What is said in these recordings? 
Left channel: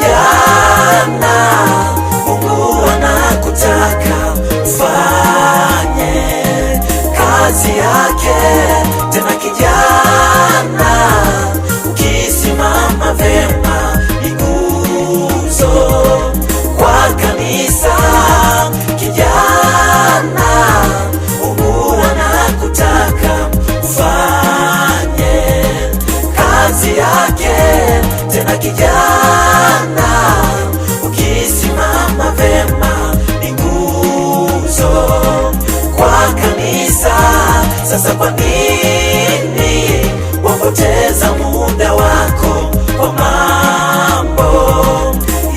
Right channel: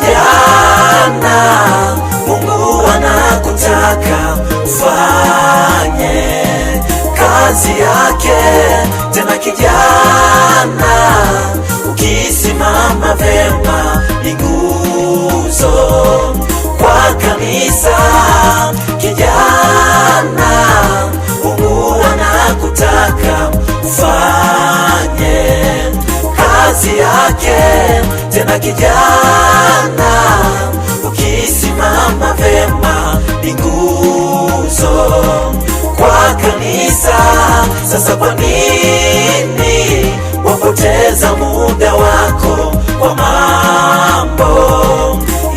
Kijana, Mungu anakutaka ufanye kazi yake. Tena kijana, ukisimama vyema ni nguzo kwa kanisa. Kijana, Mungu anakutaka ufanye kazi yake. Tena kijana, ukisimama vyema ni nguzo kwa kanisa. Sasa kwa nini wapoteza muda wako kwa mambo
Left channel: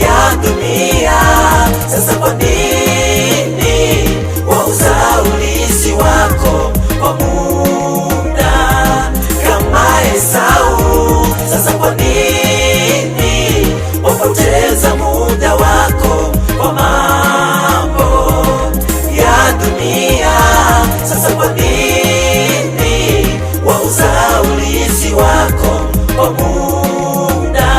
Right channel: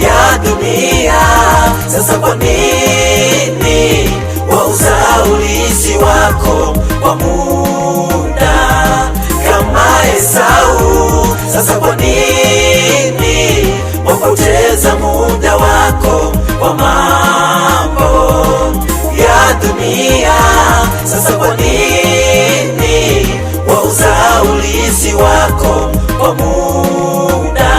ya dunia? Sasa kwa nini wauza urithi wako kwa muda kama Esau? Sasa kwa nini wapoteza muda wako kwa mambo ya dunia? Sasa kwa nini wauza urithi wako kwa muda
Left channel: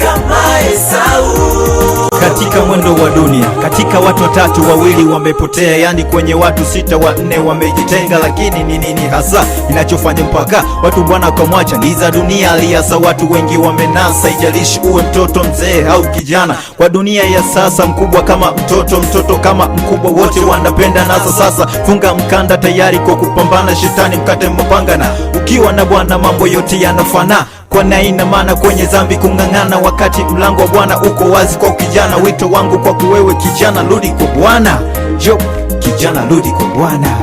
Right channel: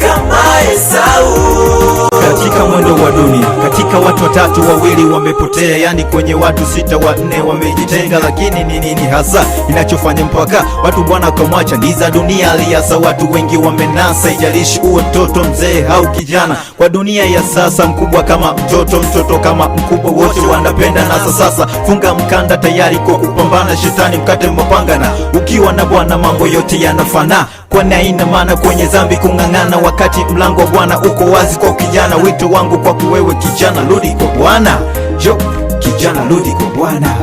kama Esau? Katika mwendo wa dunia, katika watu watatu wawili wamepotea, yani kwenye watu sita wanne wamejitenga. Lakini ni nini hasa inachofanya mpaka watu bwana kamwacha? Ni za dunia aliasa, watu wengi wamenasa. Ijalishi uwe mtoto, mzee au kijana, kwa dunia ya sasa, mkubwa kama mtoto, mtoto kama mkubwa, wote wanapenda nasa. Sasa funga mkanda tayari kwa kupambana shetani, mkate mapanga, na ukiwa na Bwana mambo yote yanafana. Kwa ina maana kwenye dhambi kung'ang'ana, wakati mlango wa Bwana uko wazi kwa kijana. Wito wangu kwa kuwewe kijana, rudi kwa Bwana. Jo, kijana, rudi kwa Bwana.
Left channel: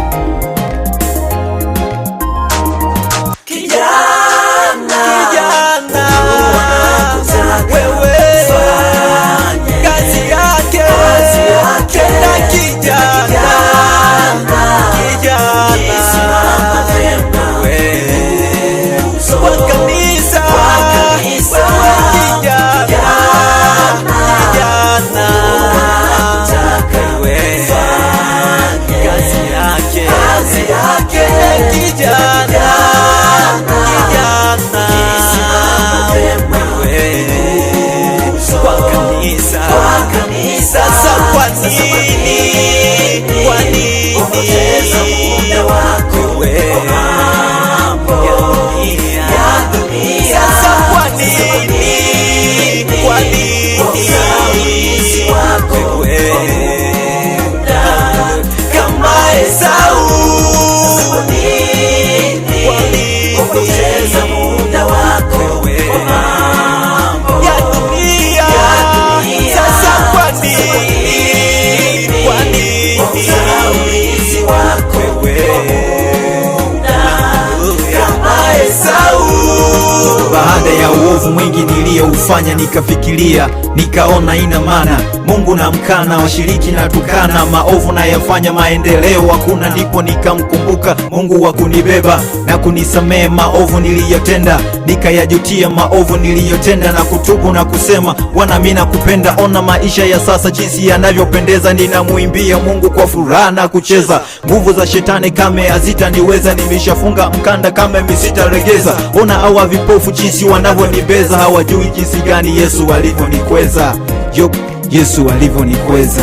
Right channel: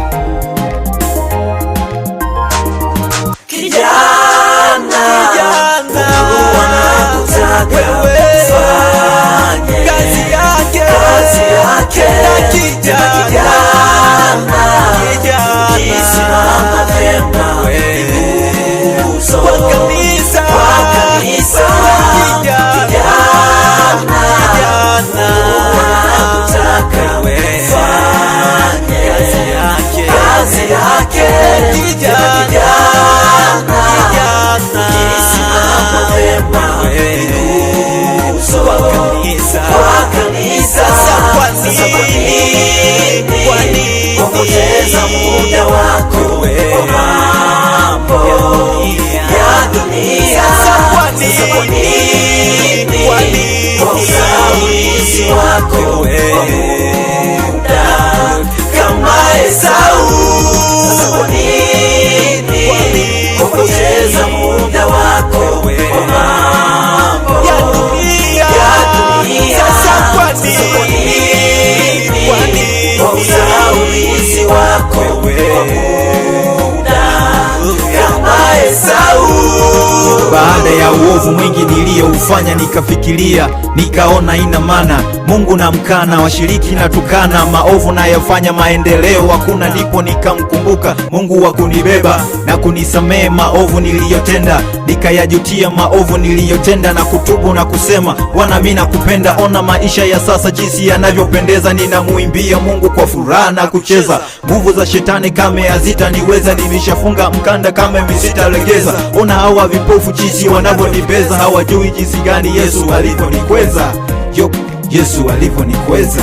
Baada ya uovu mwingi niliyoufanya, nikafikiria nikaona ina maana Mungu na mkana, washiriki na tukana, maovu na yafanya maendeleo hakuna. Ndipo nikamkumbuka Mungu wa kunibeba na kunisamehe maovu niliyotenda, nikayajutia maovu niliyotenda na kutubu na kusema, Bwana mimi nakupenda. Ona maisha ya sasa jinsi yanavyopendeza, ninamuimbia Mungu kwa furaha na kucheza. Nguvu za shetani kame hazitaniweza, nimeshafunga mkanda kama misitalegeza. Ona hawa vipofu jinsi wanavyonibeza, hawajui jinsi gani Yesu alivyonikweza. Yesu alivyonikweza.